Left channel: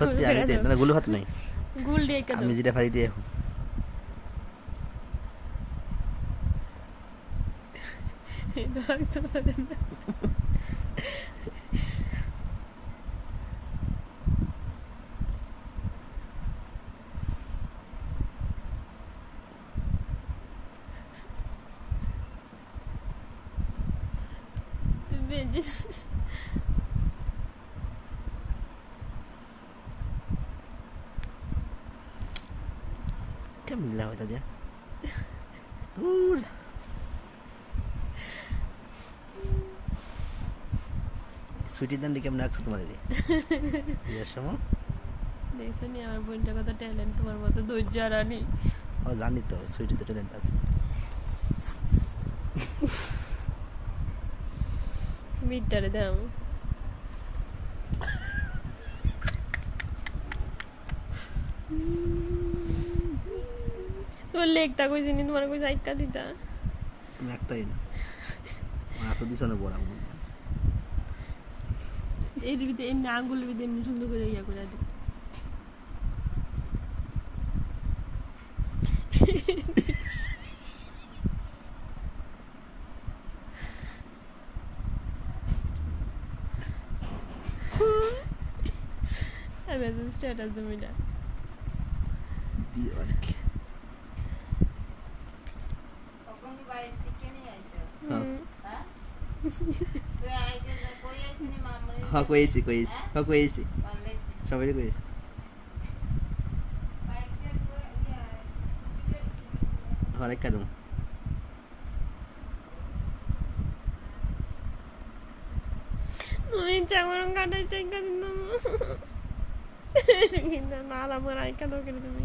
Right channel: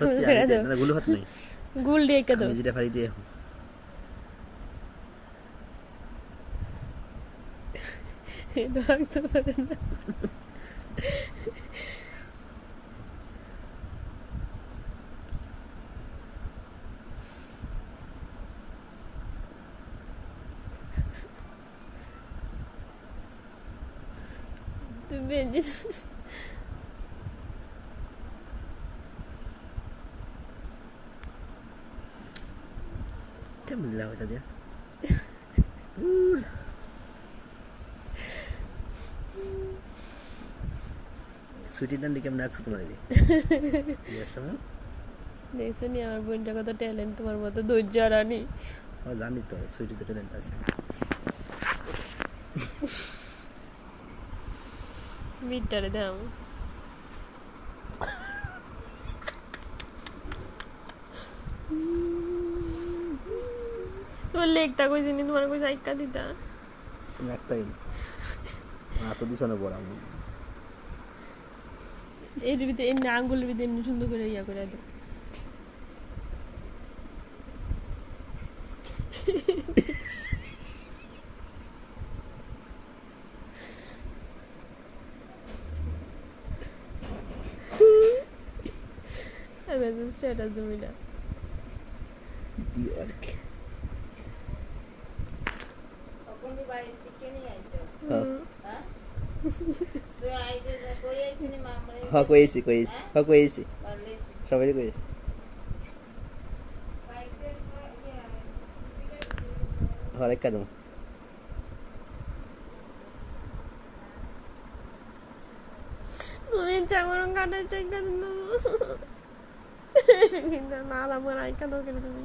গোল করে দাও না গুলো হাত নাই গোল দিয়ে কা দাও আমি যেটা ফারি দিয়ে এটা তো পারে না তুমি কেমন লাগা এটা দিয়া সুইটি দান্ডি কেমন লাগছে তোমার এই বিয়ের সময় দেখছো নি আমার বোনটা কত ট্যালেন্ট তোমার মতো ধৈর্য রানী ও জানি তো সুইটি তো ট্যালেন্ট আছে মিটারে দাও তোমার লেগটা কইছি নি তোমার কইছি আইকা দিতা একটাই না তো দিছ না বড় এর ভিতরে এমনি আঙ্গুলের ভিতরে এমনি সুন্দর করে ইয়া করে দাও আমি আজ স্ট্যাটাস দিবি না দি আর কি কখন কি বাড়ি থেকে নিয়ে আইছো হ্যাঁ তুই আইতে কই আইছিস নি মামরে হ্যাঁ কইছি পারলেছি সবাই কইছি বাইকে হরে কাদম তুমি চামরং কাটাই চাইকা দিন কিন্তু না আমার আইকা দাও কেন তুমি